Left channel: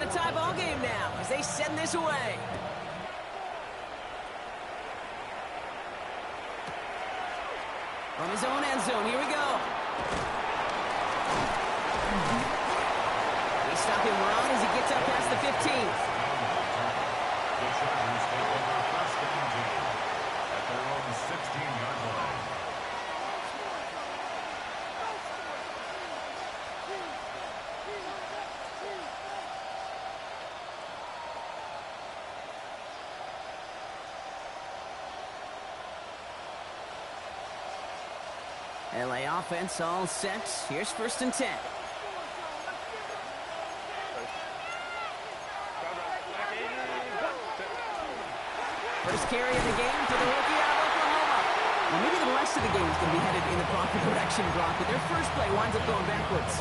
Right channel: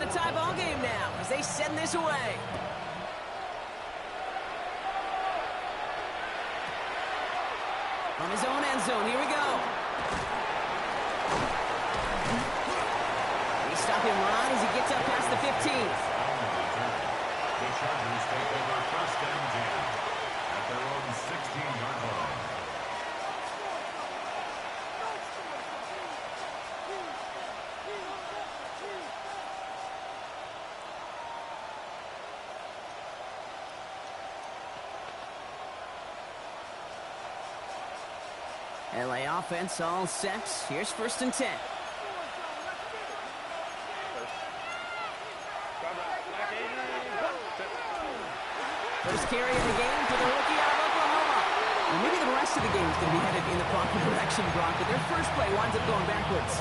got a tie ball game now as they send this away. From his own end zone, here we go. They stop him right as he gets up past the 15. The Chargers take over 1st and 10 at their own 16-yard line. LA offense all set. Here's 1st and 10. First carry of the game for the rookie out of Oklahoma. Well, maybe the rest of the game is going to be headed in the proper direction, Brock, but their first play winds up going backwards.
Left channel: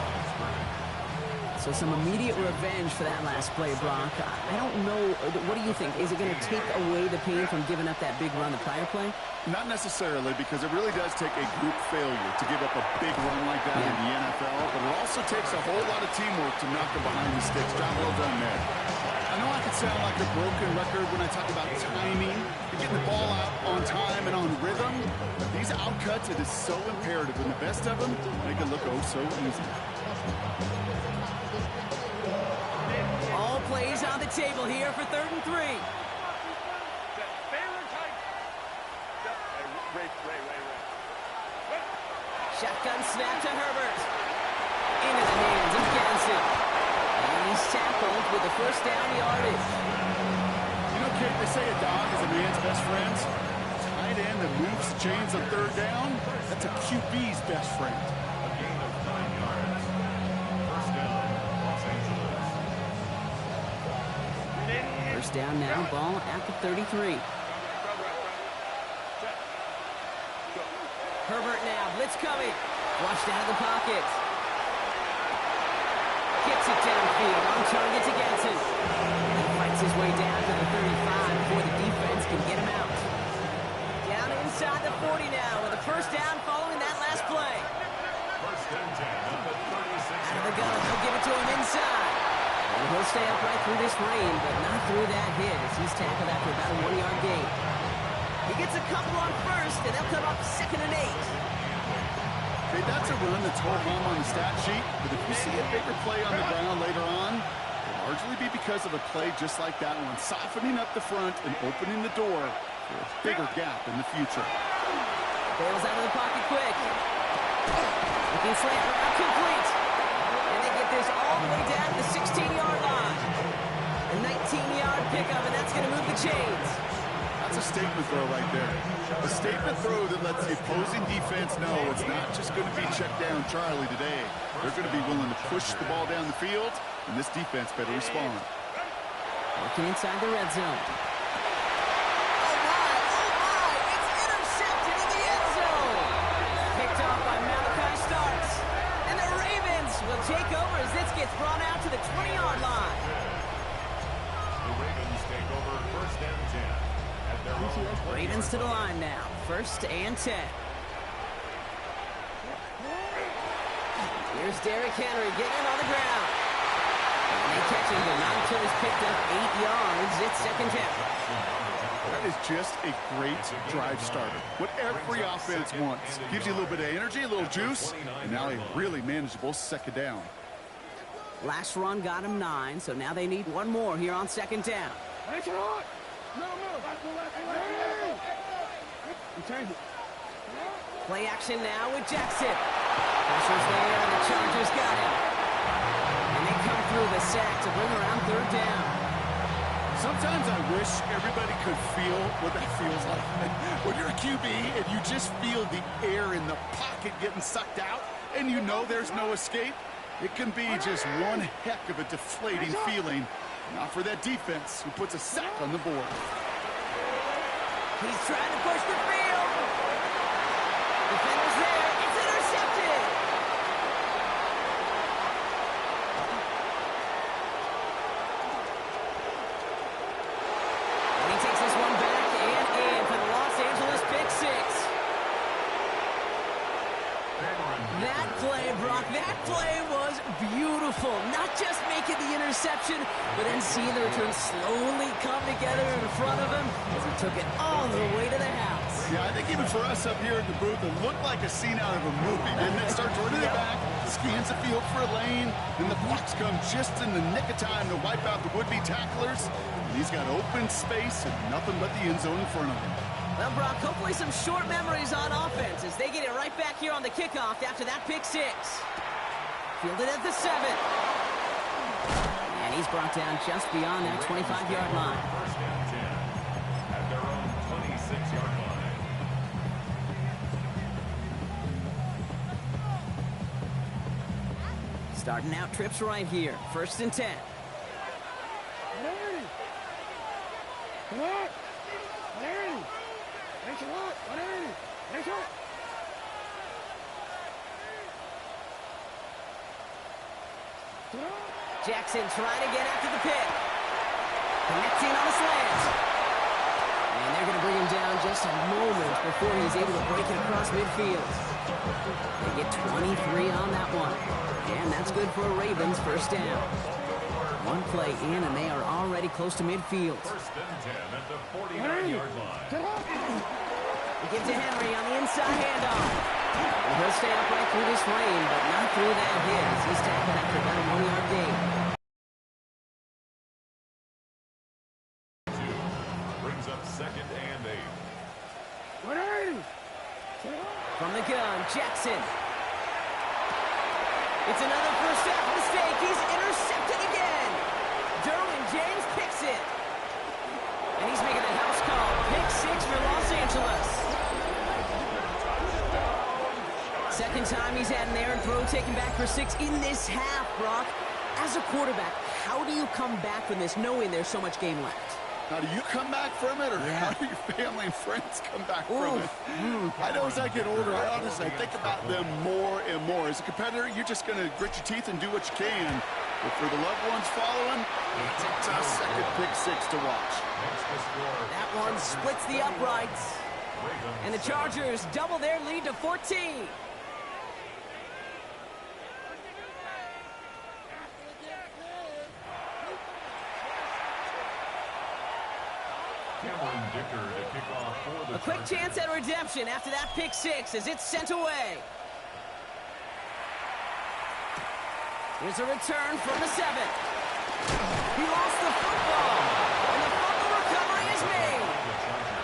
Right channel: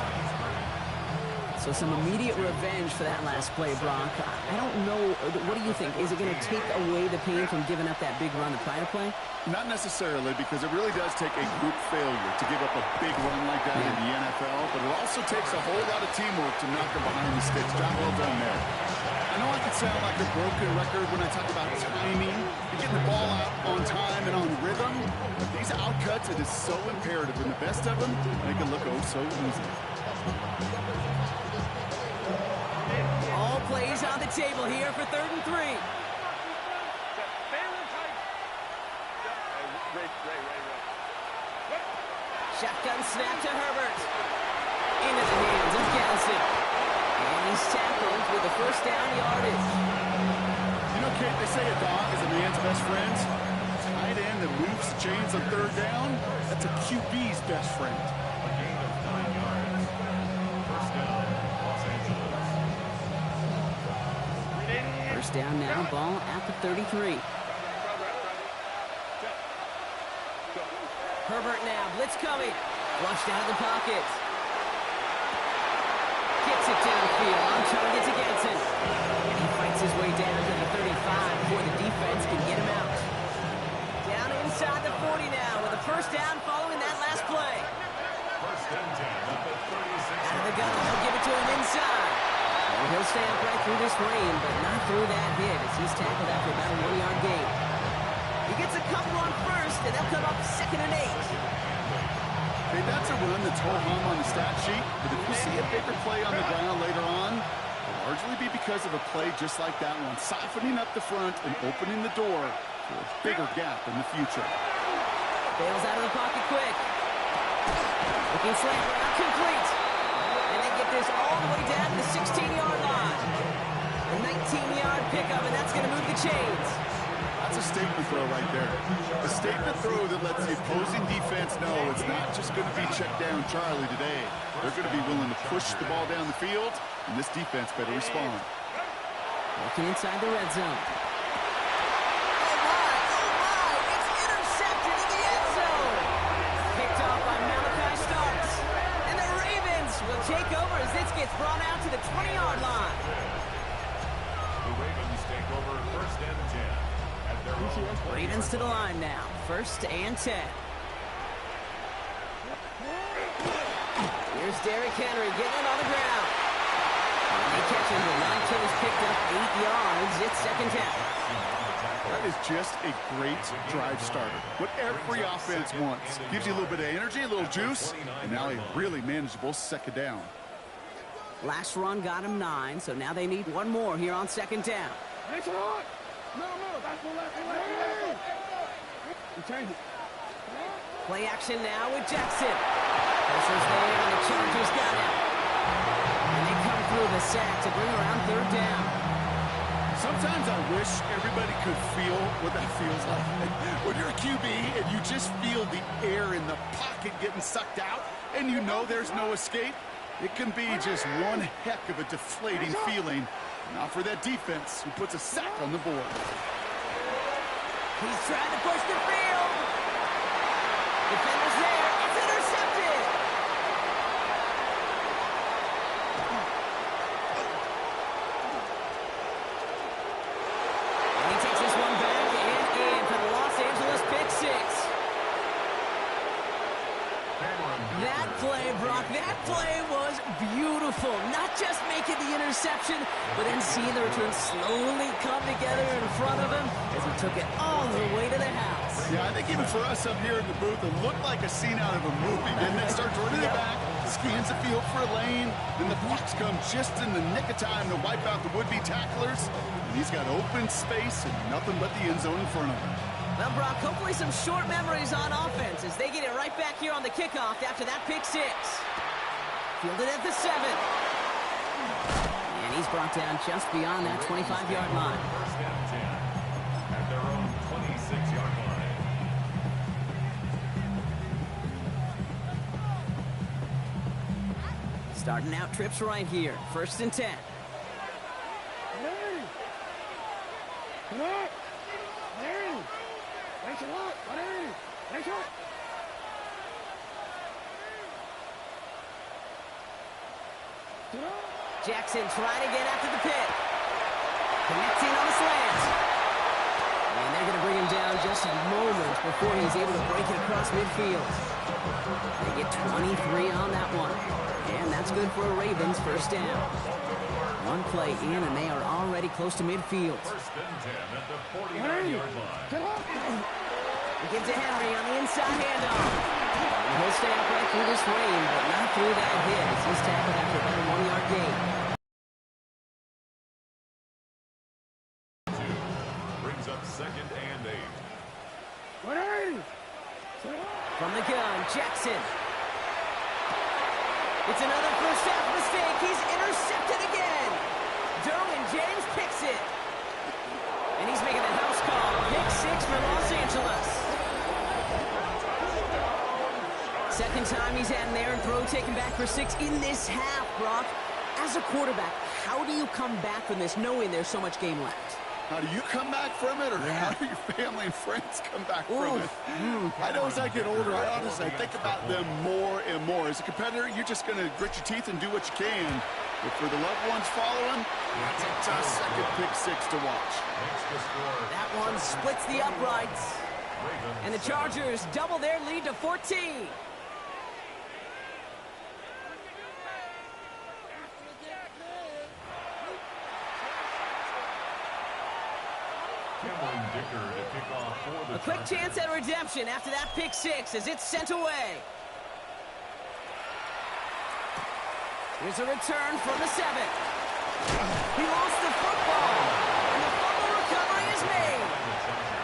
So some immediate revenge for that last play, Brock. I don't know. What do you think? Is it going to take away the pain from giving up that big run the prior play? Not necessarily, because it really does take a group failure to give up a big run like that in the NFL, but it also takes a whole lot of teamwork to knock them behind the sticks. Job well done there. I know I can sound like a broken record when I talk about timing and getting the ball out on time and on rhythm, but these outcuts, it is so imperative, and the best of them make it look oh so easy. All plays on the table here for 3rd and 3. Shotgun snap to Herbert. Into the hands of Ganson. And he's tackled with the 1st down yardage. You know, Kate, they say a dog is a man's best friend. Tight end that moves the chains on 3rd down, that's a QB's best friend. A gain of 9 yards. 1st down, Los Angeles. 1st down now, ball at the 33. Herbert now, blitz coming. Flushed out of the pocket. Gets it downfield, on target to Ganson. And he fights his way down to the 35 before the defense can get him out. Down inside the 40 now with a 1st down following that last play. 1st and 10 at the 36. Out of the gun, they'll give it to him inside. And he'll stay upright through this rain, but not through that hit as he's tackled after about a 1-yard gain. He gets a couple on 1st, and they'll come up 2nd and 8. Hey, that's a run that's ho-hum on the stat sheet, but if you see a bigger play on the ground later on, it'll largely be because of a play just like that one, softening up the front and opening the door for a bigger gap in the future. Bails out of the pocket quick. Looking slant route complete. And they get this all the way down to the 16-yard line. A 19-yard pickup, and that's going to move the chains. That's a statement throw right there. A statement throw that lets the opposing defense know it's not just going to be check down Charlie today. They're going to be willing to push the ball down the field, and this defense better respond. Looking inside the red zone. Oh my, it's intercepted in the end zone. Picked off by Malachi Starks. And the Ravens will take over as this gets brought out to the 20-yard line. The Ravens take over 1st and 10. Ravens to the line now. 1st and 10. Here's Derrick Henry getting it on the ground. And they catch him, but not until he's picked up 8 yards. It's 2nd down. That is just a great drive starter. What every offense wants. Gives you a little bit of energy, a little juice, and now a really manageable 2nd down. Last run got him 9, so now they need one more here on 2nd down. Play action now with Jackson. Pressure's there, and the Chargers got him. And they come through the sack to bring around 3rd down. Sometimes I wish everybody could feel what that feels like. When you're a QB and you just feel the air in the pocket getting sucked out, and you know there's no escape, it can be just one heck of a deflating feeling. Not for that defense who puts a sack on the board. He's trying to push the field. Defender's there. It's intercepted. And he takes this one back and in for the Los Angeles pick 6. That play, Brock, that play was beautiful. Not just making the interception, but then seeing the return slowly come together in front of him as he took it all the way to the house. Yeah, I think even for us up here in the booth, it looked like a scene out of a movie. And then starts running it back, scans the field for a lane, and the blocks come just in the nick of time to wipe out the would-be tacklers. And he's got open space and nothing but the end zone in front of him. Well, Brock, hopefully some short memories on offense as they get it right back here on the kickoff after that pick six. Fielded at the 7. And he's brought down just beyond that 25-yard line. First and 10 at their own 26-yard line. Starting out trips right here. First and 10. Jackson trying again after the pick. Connecting on the slant. And they're going to bring him down just a moment before he's able to break it across midfield. They get 23 on that one. And that's good for a Ravens first down. One play in, and they are already close to midfield. First and 10 at the 49-yard line. He gives to Henry on the inside handoff. And he'll stay upright through this rain, but not through that hit as he's tackled after about a 1-yard gain. Brings up second and 8. From the gun, Jackson. It's another first half mistake. He's intercepted again. Derwin James picks it. And he's making the house call. Pick 6 for Los Angeles. Second time he's had an errant throw taken back for 6 in this half, Brock. As a quarterback, how do you come back from this knowing there's so much game left? How do you come back from it, or how do your family and friends come back from it? I know as I get older, I honestly think about them more and more. As a competitor, you're just going to grit your teeth and do what you can. But for the loved ones following, it's a tough second pick 6 to watch. That one splits the uprights. And the Chargers double their lead to 14. Cameron Dicker to kick off for the A quick chance at redemption after that pick 6 as it's sent away. Here's a return from the 7. He lost the football, and the fumble recovery is made.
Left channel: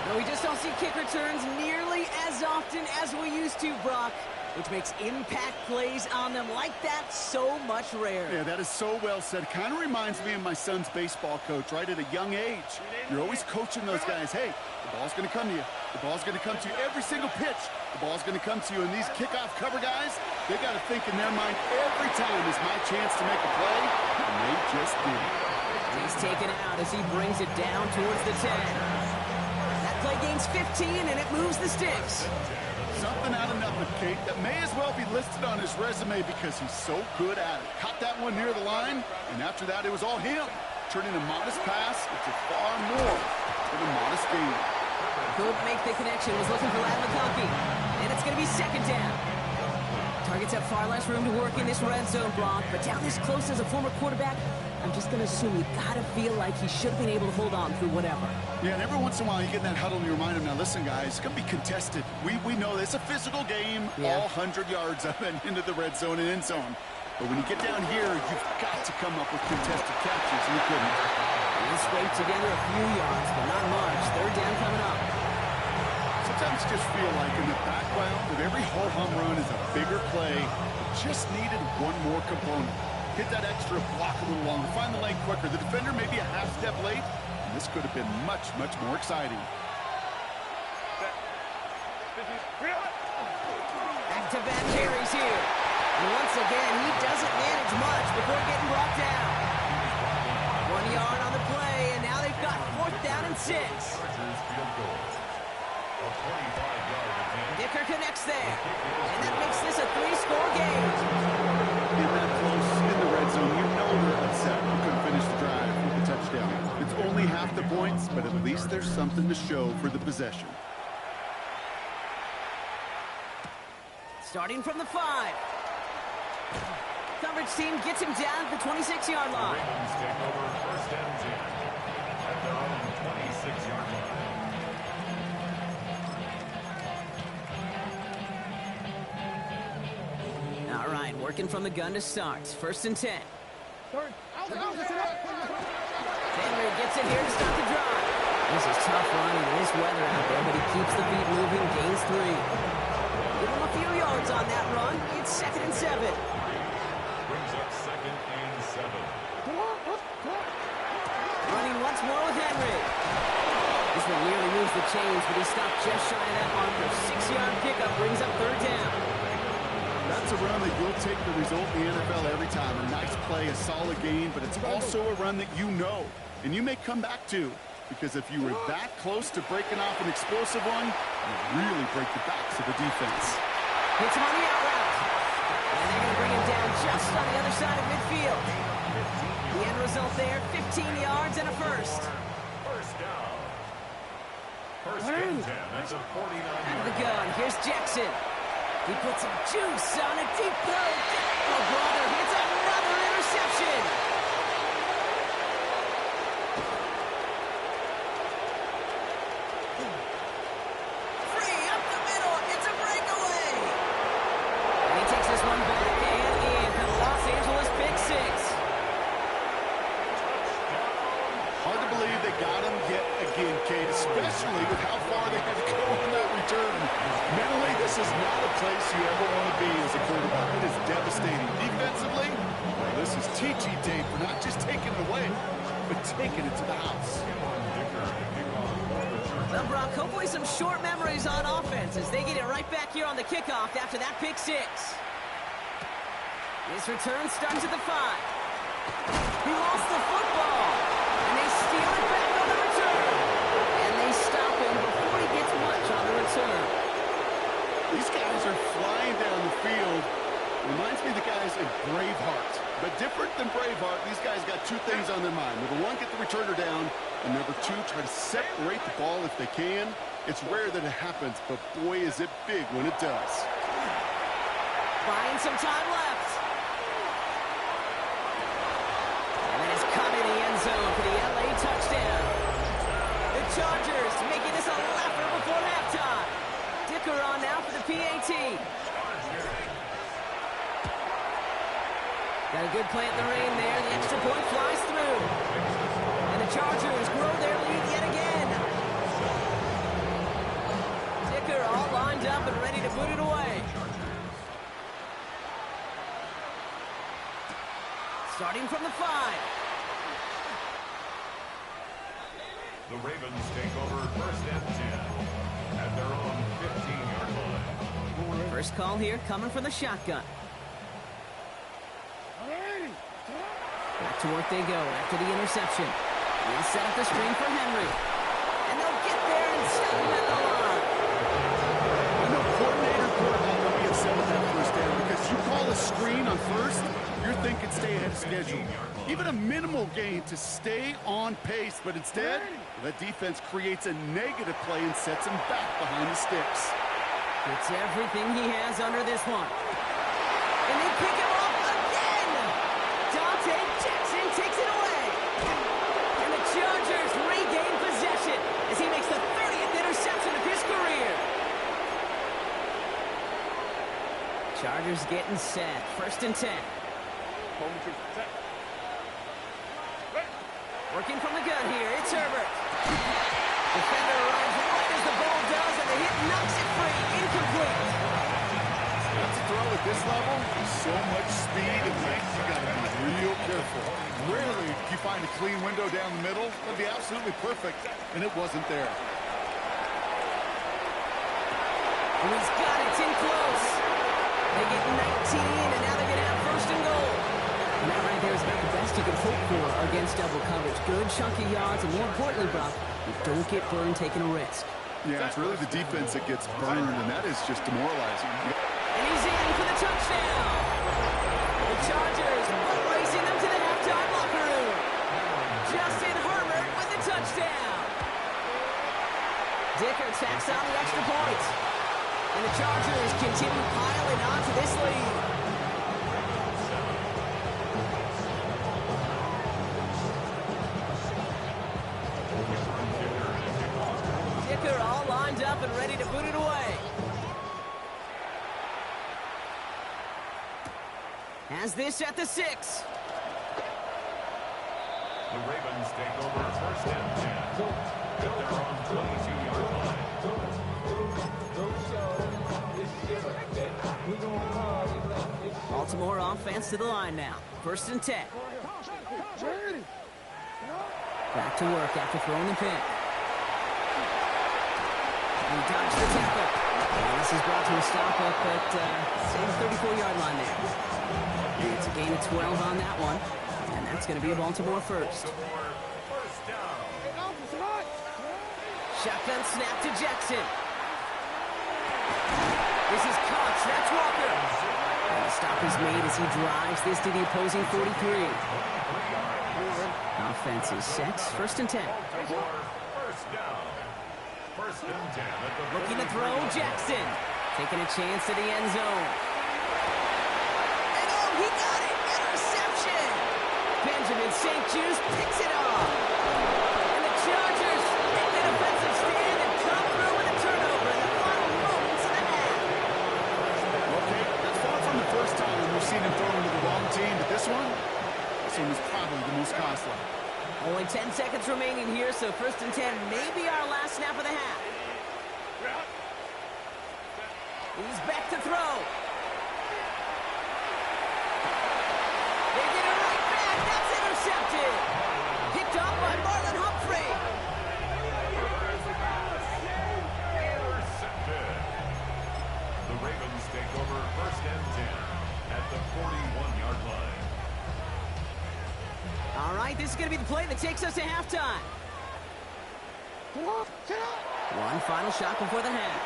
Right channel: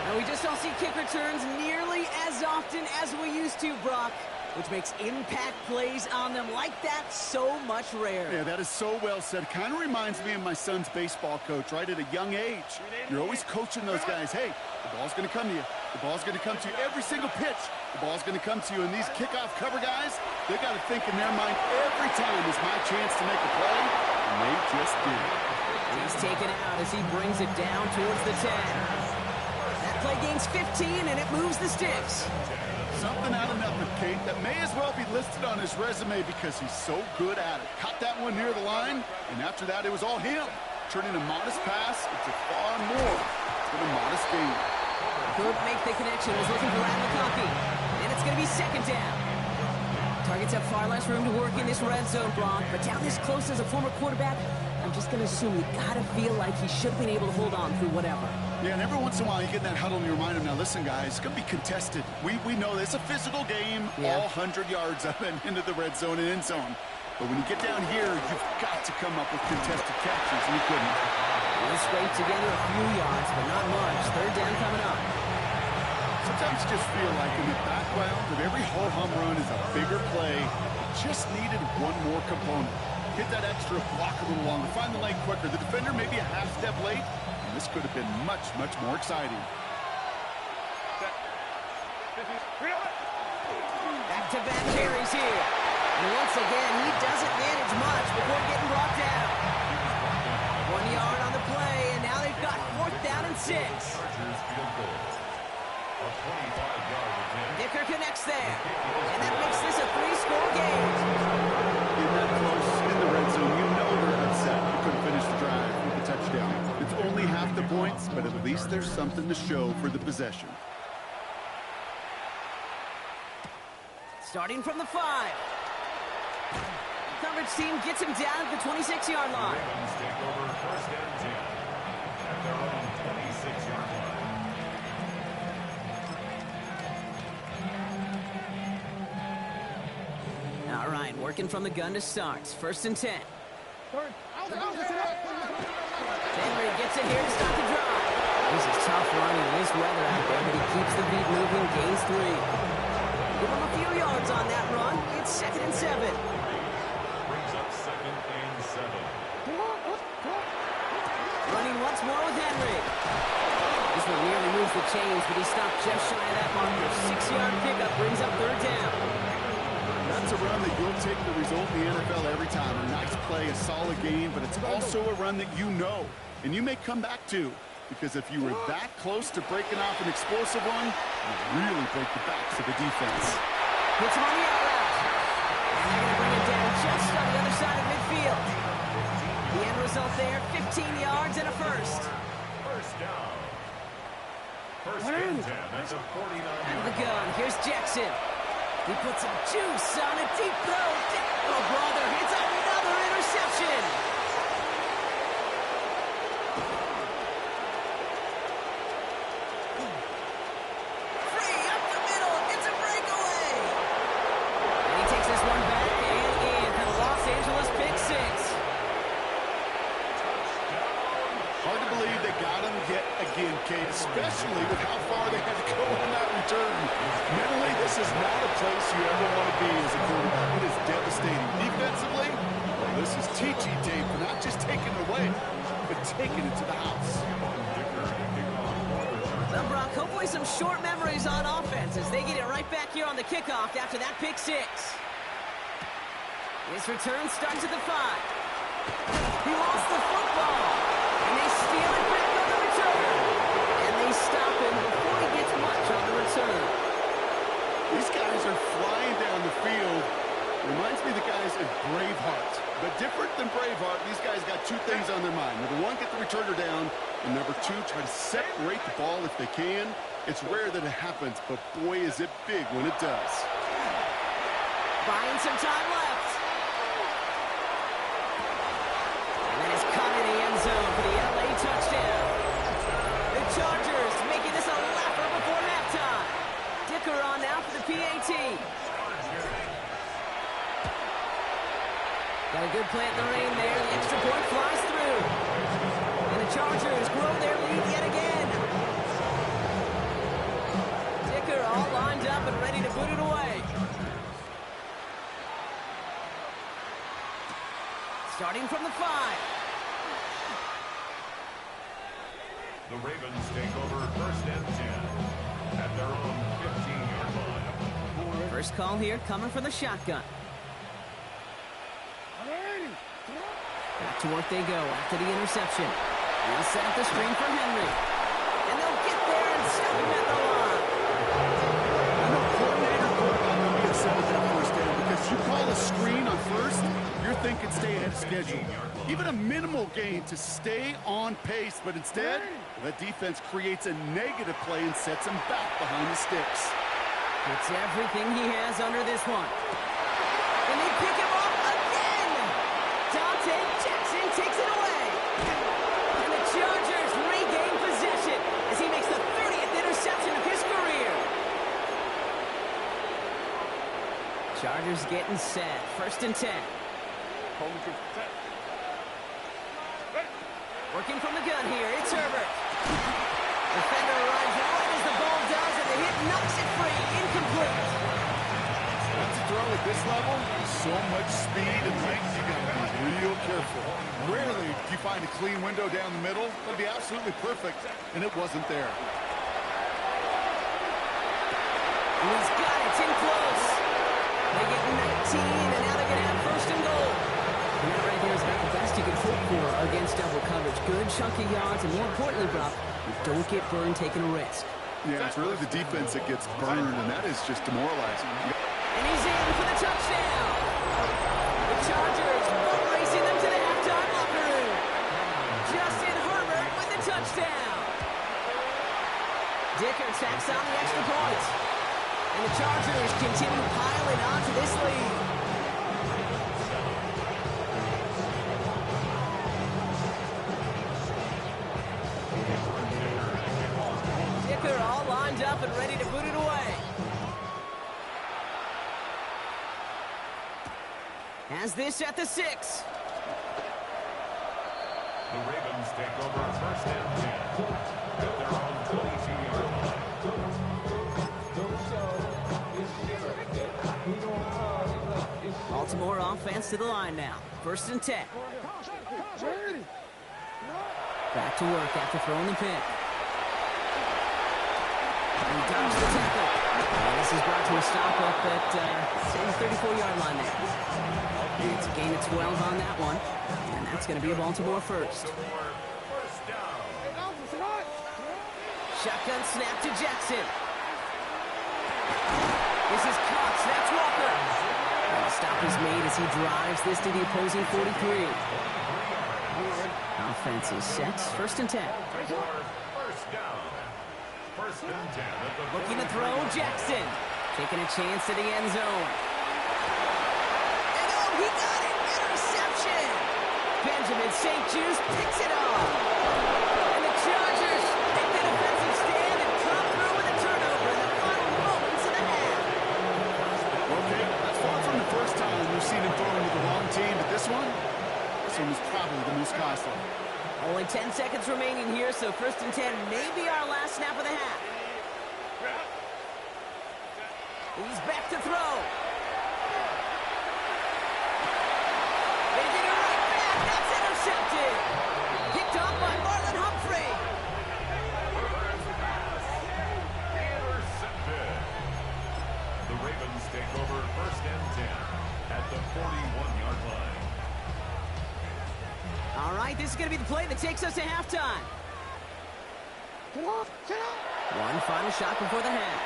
Now, we just don't see kick returns nearly as often as we used to, Brock, which makes impact plays on them like that so much rarer. Yeah, that is so well said. Kind of reminds me of my son's baseball coach, right? At a young age, you're always coaching those guys. Hey, the ball's going to come to you. The ball's going to come to you every single pitch. The ball's going to come to you. And these kickoff cover guys, they got to think in their mind every time is my chance to make a play, and they just did. He's taken out as he brings it down towards the 10. That play gains 15, and it moves the sticks. Something out of nothing, Kate, that may as well be listed on his resume because he's so good at it. Caught that one near the line, and after that, it was all him. Turning a modest pass into far more than a modest gain. Could make the connection. Was looking for Ladd McConkey. And it's going to be second down. Targets have far less room to work in this red zone, Brock. But down this close as a former quarterback, I'm just going to assume you got to feel like he should have been able to hold on through whatever. Yeah, and every once in a while you get in that huddle and you remind him, now listen, guys, it's going to be contested. We know this. It's a physical game, all 100 yards up and into the red zone and end zone. But when you get down here, you've got to come up with contested catches, and he couldn't. He'll scrape together a few yards, but not much. Third down coming up. Sometimes you just feel like in the background of every ho-hum run is a bigger play. It just needed one more component. Hit that extra block a little longer, find the lane quicker. The defender may be a half step late, and this could have been much, much more exciting. Back-to-back carries here. And once again, he doesn't manage much before getting brought down. 1 yard on the play, and now they've got 4th down and 6. Dicker connects there, and that makes this a 3-score game. In that close, in the red zone, you know they're upset. You couldn't finish the drive with a touchdown. It's only half the points, but at least there's something to show for the possession. Starting from the 5. Coverage team gets him down at the 26-yard The line. Ravens take over first and 10 at their own 26-yard line. All right, working from the gun to start. First and 10. Henry gets it here to start the drive. This is tough running in this weather out there, but he keeps the beat moving, gains 3. Give him a few yards on that run. It's 2nd and 7. Brings up 2nd and 7. Running once more with Henry. This one nearly moves the chains, but he stopped just shy of that marker. 6-yard pickup brings up 3rd down. That's a run that you'll take the result in the NFL every time. A nice play, a solid gain, but it's also a run that you know, and you may come back to. Because if you were that close to breaking off an explosive one, you really break the backs of the defense. Hits him on the out route. And they're going to bring him down just on the other side of midfield. The end result there, 15 yards and a first. First down. First and 10 at the 49. Out of the gun, here's Jackson. He puts some juice on a deep throw. Oh, brother, it's another interception. Free up the middle. It's a breakaway. And he takes this one back and in for the Los Angeles pick 6. Hard to believe they got him yet again, Kate, especially with how far they had to go on that return. Mentally, this is not a place you ever want to be as a quarterback. It is devastating. Defensively, well, this is TT Day for not just taking it away, but taking it to the house. Well, Brock, hopefully some short memories on offense as they get it right back here on the kickoff after that pick 6. This return starts at the 5. He lost the football. And they steal it back on the return. And they stop him before he gets much on the return. These guys are flying down the field. Reminds me of the guys in Braveheart. But different than Braveheart, these guys got 2 things on their mind. Number 1, get the returner down. And number 2, try to separate the ball if they can. It's rare that it happens, but boy, is it big when it does. Buying some time left. And then it's caught in the end zone for the LA touchdown. The Chargers making this a laugher before halftime. Dicker on now for the PAT. Got a good plant in the rain there. The extra point flies through. And the Chargers grow their lead yet again. Dicker all lined up and ready to put it away. Starting from the 5. The Ravens take over first and 10 at their own 15-yard line. First call here coming from the shotgun. Back to work they go after the interception. They'll set up the screen for Henry. And they'll get there and stop him at the line. I know coordinator, quarterback will be upset with that first down because you call a screen on first, you're thinking stay ahead of schedule. Even a minimal gain to stay on pace, but instead, the defense creates a negative play and sets him back behind the sticks. It's everything he has under this one. And they pick him off again! Dante Jackson takes it away. And the Chargers regain possession as he makes the 30th interception of his career. Chargers getting set. First and 10. Working from the gun here, it's Herbert. Defender arrives right as the ball does, and the hit knocks it free. Incomplete. That's a throw at this level. So much speed and length, you got to be real careful. Rarely do you find a clean window down the middle. That'd be absolutely perfect, and it wasn't there. And he's got it. It's in close. They get 19, and now they're going to have first and goal. And that right there is about the best you can hope for against double coverage. Good chunky yards, and more importantly, Brock, you don't get burned taking a risk. Yeah, it's really the defense that gets burned, and that is just demoralizing. And he's in for the touchdown. The Chargers butt racing them to the halftime locker room. Justin Herbert with the touchdown. Dicker tacks on the extra point. And the Chargers continue piling on to this lead. Dicker all lined up and ready to boot it away. Has this at the 6. The Ravens take over first and 10 at their own 22-yard line. Baltimore offense to the line now. First and 10. Back to work after throwing the pick. And he dodged the tackle. And this is brought to a stop up at the 34-yard line there. And it's a gain of 12 on that one. And that's going to be a Baltimore first. Shotgun snap to Jackson. This is Cox. That's Walker. And the stop is made as he drives this to the opposing 43. Offense is set. First and 10. First down. First and 10 at the Looking to throw, Jackson. Taking a chance to the end zone. And oh, he got it. Interception. Benjamin St. Juice picks it off. And the Chargers take the defensive stand and come through with a turnover in the final moments of the half. Okay, that's far from the first time we've seen him throw into the wrong team, but this one was probably the most costly. Only 10 seconds remaining here, so first and 10 may be our last snap of the half. He's back to throw. They get it right back. That's intercepted. Picked up by Marlon Humphrey. Intercepted. The Ravens take over first and 10 at the 41-yard line. All right, this is going to be the play that takes us to halftime. One final shot before the half.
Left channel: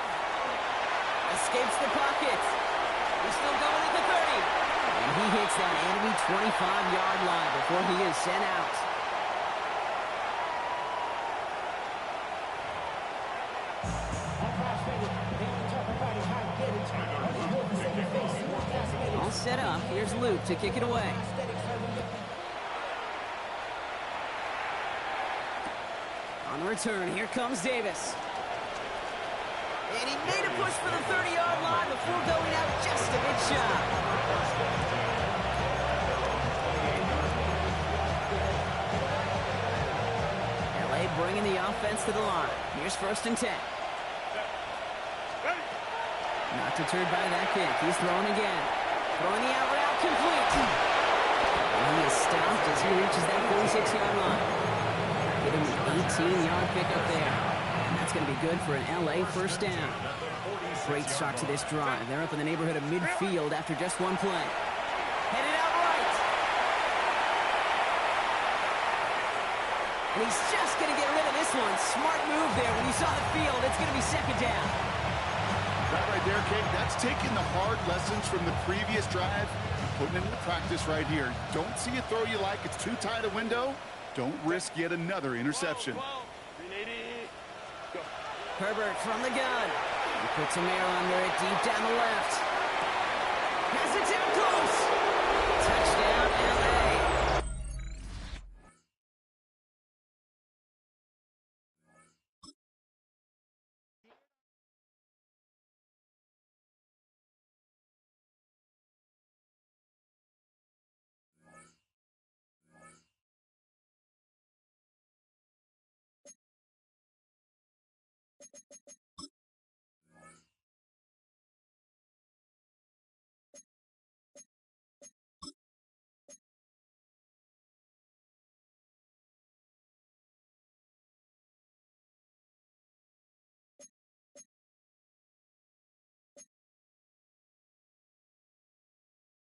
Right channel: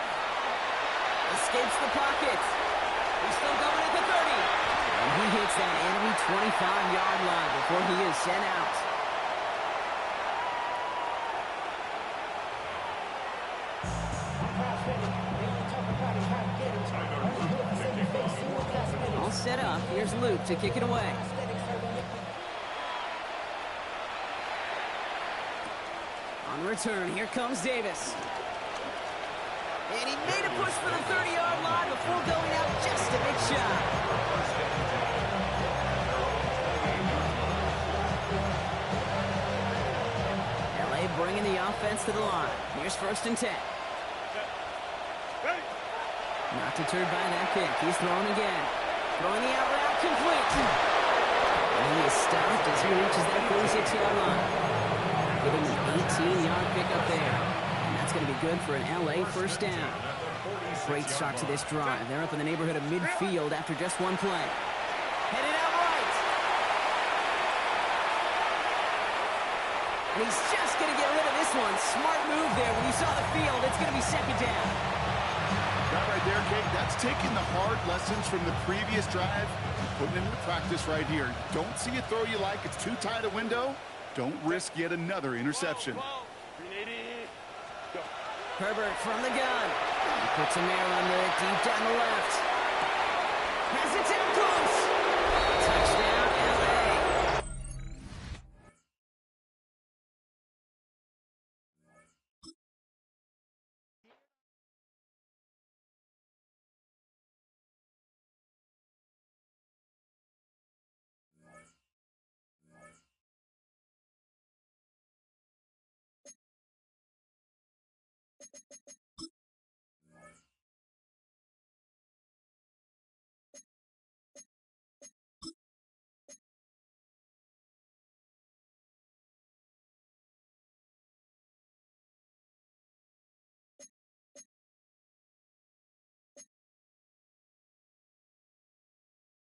Escapes the pocket. He's still going at the 30. And he hits that enemy 25-yard line before he is sent out. All set up. Here's Luke to kick it away. On return, here comes Davis. And he made a push for the 30-yard line before going out just a bit shy. LA bringing the offense to the line. Here's first and 10. Not deterred by that kick. He's throwing again. Throwing the out route complete. And he is stopped as he reaches that 46-yard line. Getting an 18-yard pickup there. And that's going to be good for an LA first down. Great start to this drive. They're up in the neighborhood of midfield after just one play. Headed out right. And he's just going to get rid of this one. Smart move there. When you saw the field, it's going to be second down. That right there, Kate, that's taking the hard lessons from the previous drive and putting them into practice right here. Don't see a throw you like. It's too tight a window. Don't risk yet another interception. Herbert from the gun. He puts some air under it deep down the left. Has it down close. Touchdown, LA.